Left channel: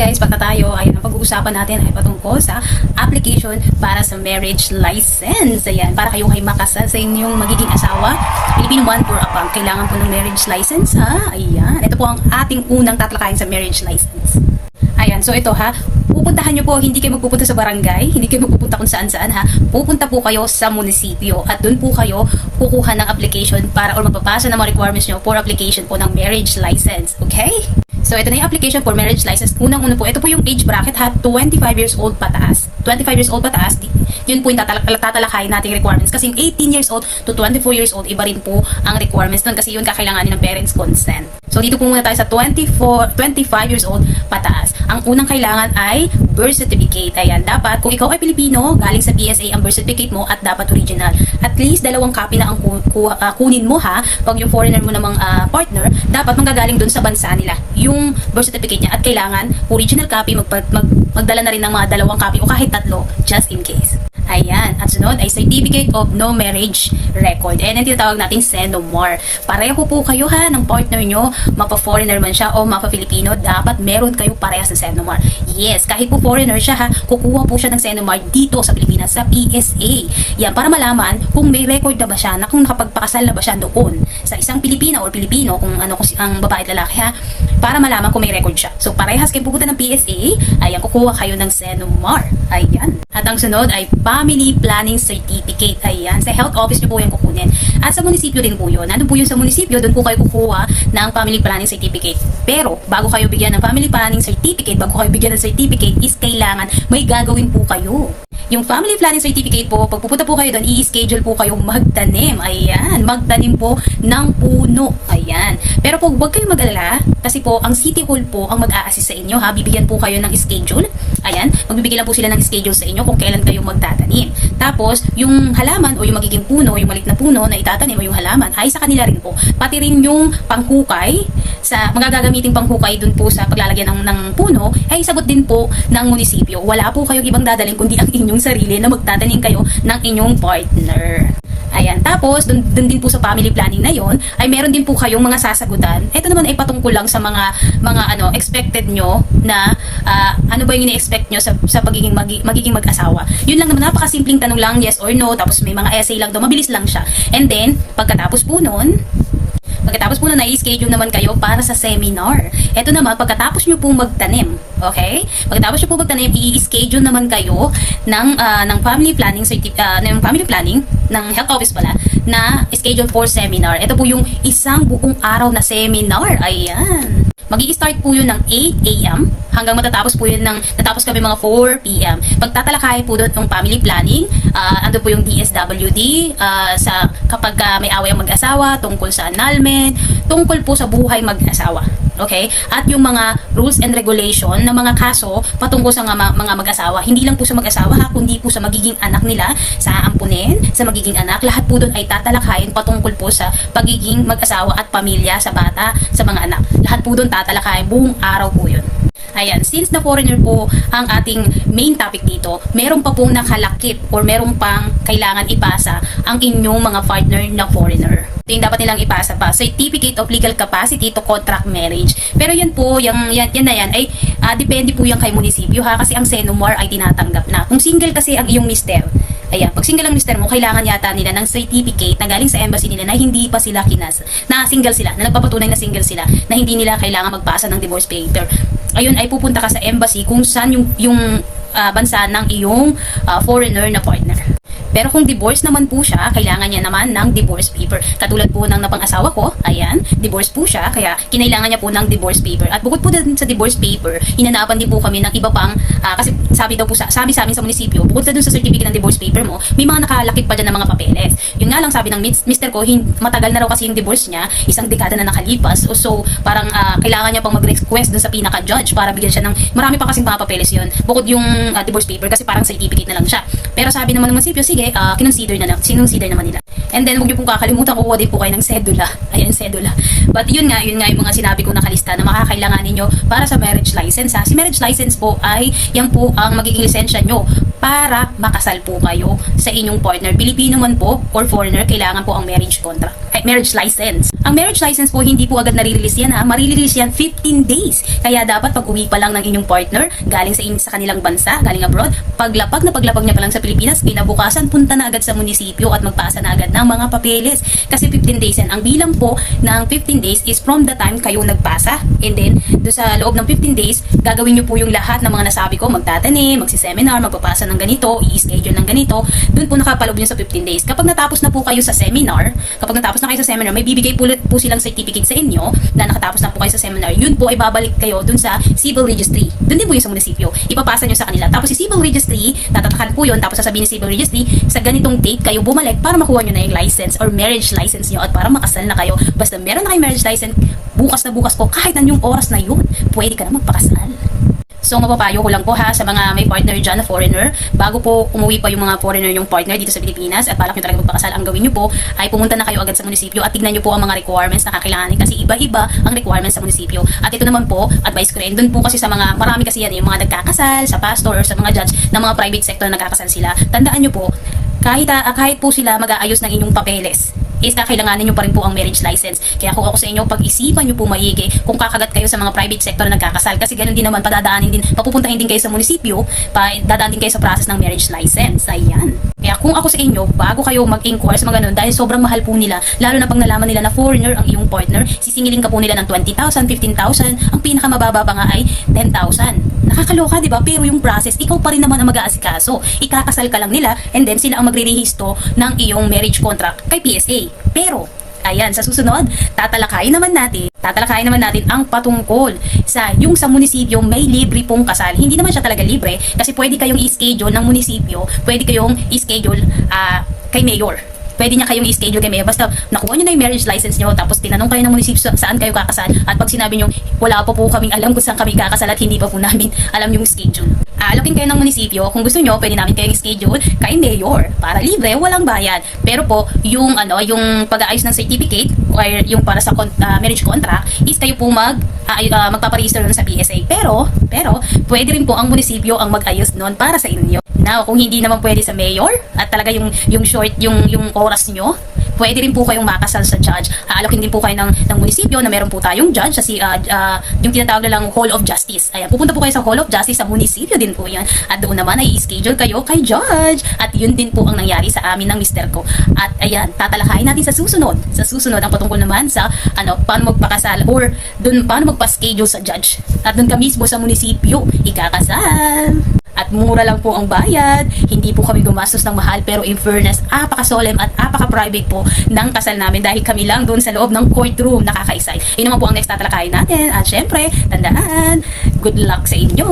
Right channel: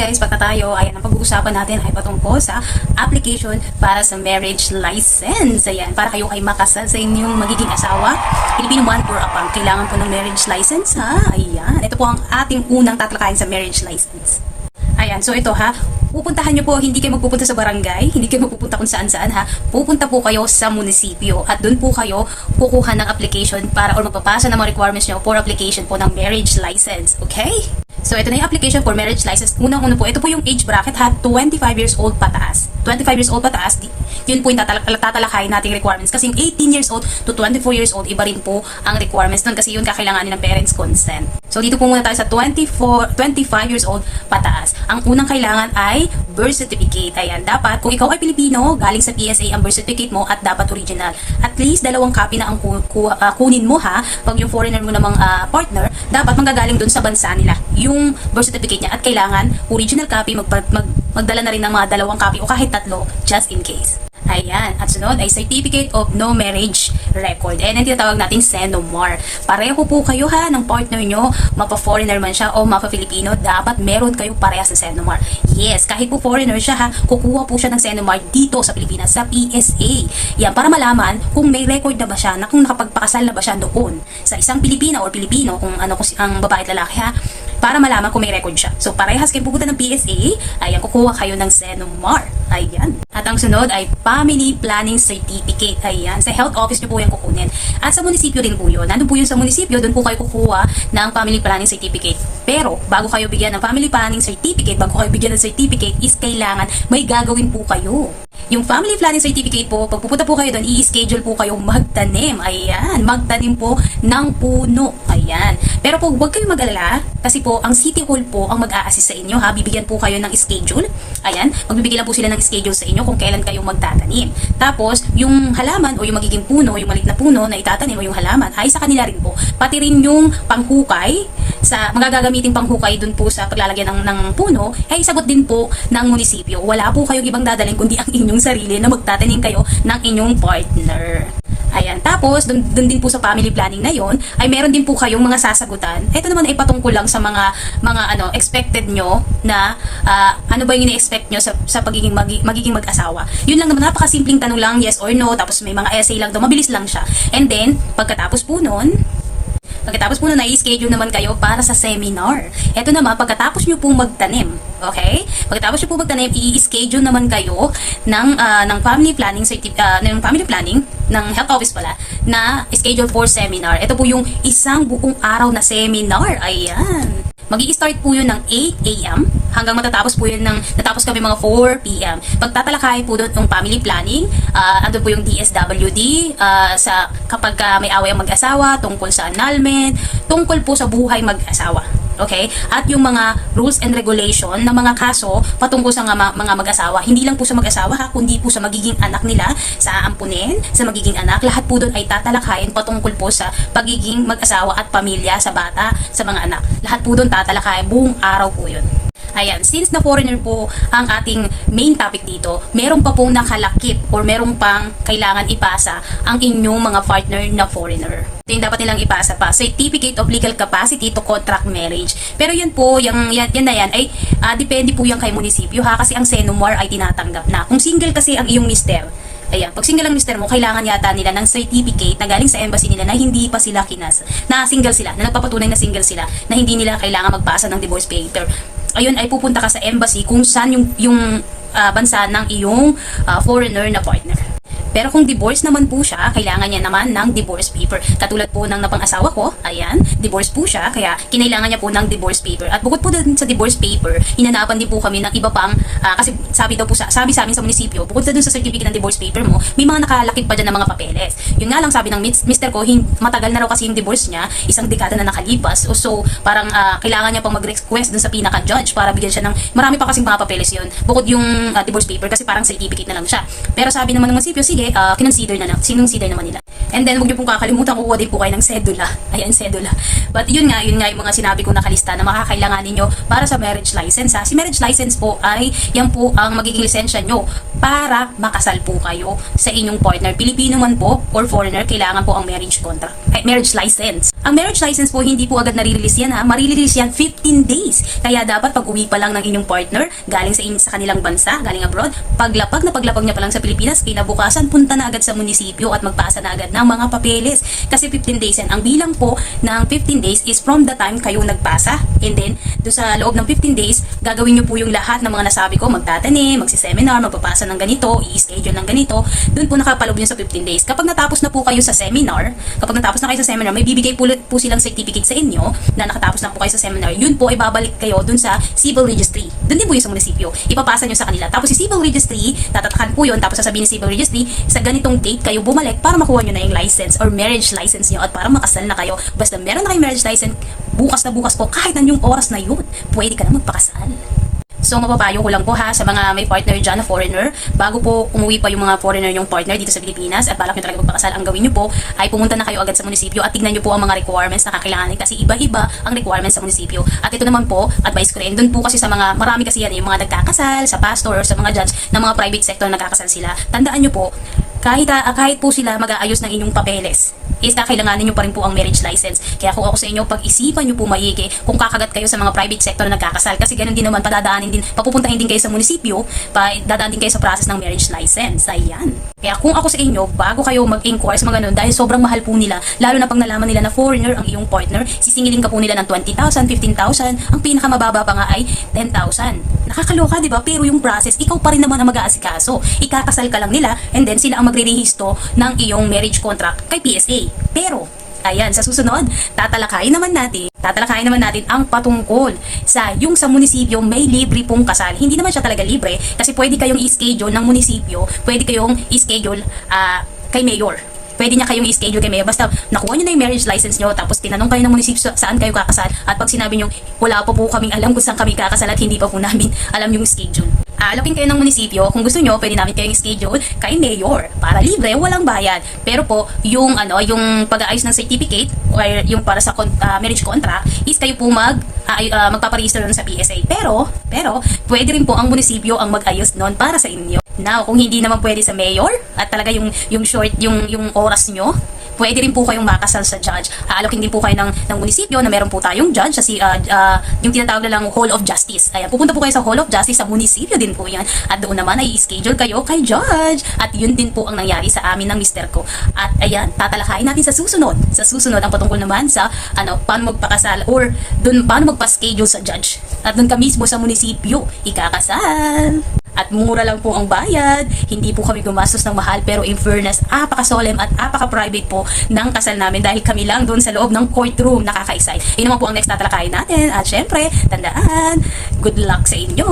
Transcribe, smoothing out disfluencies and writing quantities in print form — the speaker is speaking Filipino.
guys, baka tayo ay ang pag-uusapan natin ay patungkol sa application para sa marriage license. Ayan, para kayo ay makasal sa inyong magiging asawa. Filipino man or apang, kailangan po ng marriage license ha. Ayan, ito po ang ating unang tatalakayin sa marriage license. Ayan, so ito ha, pupuntahan nyo po, hindi kayo magpupunta sa barangay, hindi kayo magpupunta kung saan-saan ha, pupunta po kayo sa munisipyo at doon po kayo kukuha ng application para or magpapasa ng mga requirements nyo for application po ng marriage license, okay? So, ito na yung application for marriage license. Unang-una po, ito po yung age bracket ha, 25 years old pataas. 25 years old pataas, yun po yung tatalakayin nating requirements. Kasi yung 18 years old to 24 years old, iba rin po ang requirements doon kasi yun kakailanganin ng parents' consent. So, dito po muna tayo sa 25 years old pataas. Ang unang kailangan ay birth certificate. Ayan, dapat, kung ikaw ay Pilipino, galing sa PSA ang birth certificate mo at dapat original. At least, 2 copy na ang kunin mo ha. Pag yung foreigner mo namang partner, dapat manggagaling doon sa bansa nila yung birth certificate niya at kailangan original copy, magdala na rin ng mga 2 copy o kahit 3 just in case. Ayan, at sunod ay Certificate of No Marriage Record. And ang tinatawag nating SENOMAR. Pareho po kayo ha ng partner nyo, mapa-foreigner man siya o mapa-Filipino, dapat meron kayo parehas ng SENOMAR. Yes, kahit po foreigner siya ha, kukuha po siya ng SENOMAR dito sa Pilipinas, sa PSA. Yan, para malaman kung may record na ba siya, na kung nakapagpakasal na ba siya doon sa isang Pilipina or Pilipino, kung ang babae at lalaki ha, para malaman kung may record siya. So, parehas kayo pupunta ng PSA, ayan, kukuha kayo ng SENOMAR. Ayan. At ang sunod ay Family Planning Certificate. Ayan, sa health office nyo po yung kukunin. At sa munisipyo din po yun. Nandun po yun sa munisipyo, doon po kayo kukuha ng Family Planning Certificate. Pero, bago kayo bigyan ng Family Planning Certificate, bago kayo bigyan ng certificate, is kailangan may gagawin po kayo. Yung Family Planning Certificate po, pag pupunta po kayo doon, i-schedule po kayo magtanim. Ayan, magtanim po ng puno. Ayan. Pero po, huwag kayong mag-alala kasi po, ang City Hall po ang mag-a-assist sa inyo ha. Bibigyan po kayo ng schedule. Ayan, magbibigay lang po sila ng schedule sa inyo kung kailan kayo magtatanim. Tapos, yung halaman o yung magiging puno, yung maliit na puno na itatanim o yung halaman, ay sa kanila rin po. Pati rin yung panghukay, sa magagamiting panghukay dun po sa paglalagyan ng puno, ay sagot din po ng munisipyo. Wala po kayong ibang dadaling kundi ang inyong sarili na magtatanim kayo ng inyong partner. Ayan, tapos dun din po sa family planning na yon ay meron din po kayong mga sasagutan. Ito naman ay patungkol lang sa mga expected nyo na ano ba yung ini-expect nyo sa magiging mag-asawa. Yun lang naman, napakasimpleng tanong lang, yes or no, tapos may mga essay lang daw, mabilis lang siya. And then, pagkatapos po nun, na-schedule naman kayo para sa seminar. Ito naman, pagkatapos nyo pong magtanim, okay? Pagkatapos nyo pong magtanim, i-schedule naman kayo ng family planning, ng health office pala, na schedule for seminar. Ito po yung isang buong araw na seminar. Ayan. Magi-start po yun ng 8 a.m. hanggang matatapos po yun natapos kami mga 4 p.m. Pagtatalakay po doon ng family planning, ando po yung DSWD, sa kapag may away ang mag-asawa, tungkol sa annulment, tungkol po sa buhay mag-asawa. Okay? At yung mga rules and regulation na mga kaso patungkol sa mga mag-asawa. Hindi lang po sa mag-asawa ha, kundi po sa magiging anak nila, sa aampunin, sa magiging anak. Lahat po doon ay tatalakayin patungkol po sa pagiging mag-asawa at pamilya sa bata, sa mga anak. Lahat po doon tatalakayin, buong araw po yun. Ayan, since na foreigner po ang ating main topic dito, meron pa pong nakalakip or meron pang kailangan ipasa ang inyong mga partner na foreigner. Ito yung dapat nilang ipasa pa, Certificate of Legal Capacity to Contract Marriage. Pero yan po, yan na yan ay depende po yan kay munisipyo ha, kasi ang SENOMAR ay tinatanggap na. Kung single kasi ang iyong mister, ayan, pag single ang mister mo, kailangan yata nila ng certificate na galing sa embassy nila na hindi pa sila na single sila, na nagpapatunay na single sila, na hindi nila kailangan magpasa ng divorce paper. Ayun, ay pupunta ka sa embassy kung saan yung bansa ng iyong foreigner na partner. Pero kung divorce naman po siya, kailangan niya naman ng divorce paper. Katulad po ng napang-asawa ko, ayan, divorce po siya, kaya kinailangan niya po ng divorce paper. At bukod po din sa divorce paper, hinanapan din po kami ng iba pang, kasi sabi sa amin sa munisipyo, bukod sa dun sa certificate ng divorce paper mo, may mga nakalakip pa dyan ng mga papeles. Yun nga lang sabi ng mister ko, matagal na raw kasi yung divorce niya, 1 dekada na nakalipas. So, parang kailangan niya pang mag-request dun sa pinaka-judge para bigyan siya ng, marami pa kasing mga papeles yun. Bukod yung divorce paper kasi parang certificate na lang siya. Pero sabi naman ng munisipyo, sige, kinonsider naman nila. And then, huwag niyo pong kakalimutan, kukuha din po kayo ng sedula. Ayan, sedula. But yun nga yung mga sinabi ko nakalista na makakailangan ninyo para sa marriage license ha. Si marriage license po ay, yan po ang magiging lisensya nyo para makasal po kayo sa inyong partner. Pilipino man po or foreigner, kailangan po ang marriage contract, marriage license. Ang marriage license po, hindi po agad nare-release yan ha. Marirelease yan 15 days. Kaya dapat pag uwi pa lang ng inyong partner, galing sa kanilang bansa, galing abroad, paglapag niya pa lang sa Pilipinas, kinabukasan, punta na agad sa munisipyo at magpasa na agad ng mga papeles. Kasi 15 days yan. Ang bilang po ng 15 days is from the time kayo nagpasa. And then, doon sa loob ng 15 days, gagawin nyo po yung lahat ng mga nasabi ko, magtatanim, magsiseminar, magpapasa ng ganito, i-schedule ng ganito. Doon po nakapaloob yun sa 15 days. Kapag natapos na po kayo sa seminar, may bibigay po silang certificate sa inyo na nakatapos na po kayo sa seminar. Yun po ay babalik kayo dun sa civil registry. Dun din po yung sa munisipyo. Ipapasa nyo sa kanila. Tapos si civil registry, tatatakan po yun. Tapos sasabihin ni civil registry, sa ganitong date kayo bumalik para makuha nyo na yung license or marriage license nyo at para makasal na kayo. Basta meron na kayong marriage license, bukas na bukas po, kahit anong oras na yun, pwede ka na magpakasal. So, mapapayo ko lang po ha sa mga may partner dyan na foreigner, bago po umuwi pa yung mga foreigner yung partner dito sa Pilipinas at balak nyo talaga magpakasal, ang gawin nyo po ay pumunta na kayo agad sa munisipyo at tignan nyo po ang mga requirements na kakailanganin kasi iba-iba ang requirements sa munisipyo. At ito naman po, advice ko rin, dun po kasi sa mga, marami kasi yan, yung mga nagkakasal, sa pastor or sa mga judge ng mga private sector na nagkakasal sila. Tandaan nyo po, kahit po sila mag-aayos ng inyong papeles, is kakailanganin nyo pa rin po ang marriage license. Kaya kung ako sa inyo, pag-isipan nyo po maigi kung kakagat kayo sa mga private sector na nagkakasal. Kasi ganun din naman, papupuntahin din kayo sa munisipyo, dadaan din kayo sa process ng marriage license. Ayan. Kaya kung ako sa inyo, bago kayo mag-inquire sa mga ganun, dahil sobrang mahal po nila, lalo na pag nalaman nila na foreigner ang iyong partner, sisingilin ka po nila ng 20,000, 15,000, ang pinakamababa pa nga ay 10,000. Nakakaloka, di ba? Pero yung process, ikaw pa rin naman ang mag-aasikaso. Ikakasal ka lang nila, and then sila ang magre-rehisto ng iyong marriage contract kay PSA. Pero, ayan, sa susunod, tatalakayin naman natin ang patungkol sa yung sa munisipyo may libre pong kasal. Hindi naman siya talaga libre kasi pwede kayong i-schedule ng munisipyo, pwede kayong i-schedule kay mayor. Pwede niya kayong i-schedule kay mayor. Basta nakuha niyo na yung marriage license niyo, tapos tinanong kayo ng munisipyo saan kayo kakasal, at pag sinabi niyo, wala pa po kaming alam kung saan kami kakasal at hindi pa po namin alam yung schedule. Alokin kayo ng munisipyo, kung gusto niyo, pwede namin kayong schedule kay mayor para libre, walang bayad. Pero po, yung pag-aayos ng certificate or yung para sa marriage contract is kayo po magpaparegister nun sa PSA. Pero pwede rin po ang munisipyo ang mag-ayos nun para sa inyo. Now, kung hindi naman pwede sa mayor at talaga yung oras nyo, pwede rin po kayong makasal sa judge. Aalokin din po kayo ng munisipyo na meron po tayong judge kasi yung tinatawag na lang Hall of Justice. Ayan, pupunta po kayo sa Hall of Justice sa munisipyo din po yan. At doon naman ay i-schedule kayo kay judge. At yun din po ang nangyari sa amin ng mister ko. At ayan, tatalakayin natin sa susunod. Sa susunod ang patungkol naman sa paano magpakasal or paano magpa-schedule sa judge. At doon ka mismo sa munisipyo ikakasal. At mura lang po ang bayad, hindi po kami gumastos ng mahal, pero in fairness, apaka-solemn at apaka-private po ng kasal namin dahil kami lang doon sa loob ng courtroom, nakaka-excite. Yun naman po ang next tatalakayin natin at syempre, tandaan, good luck sa inyo!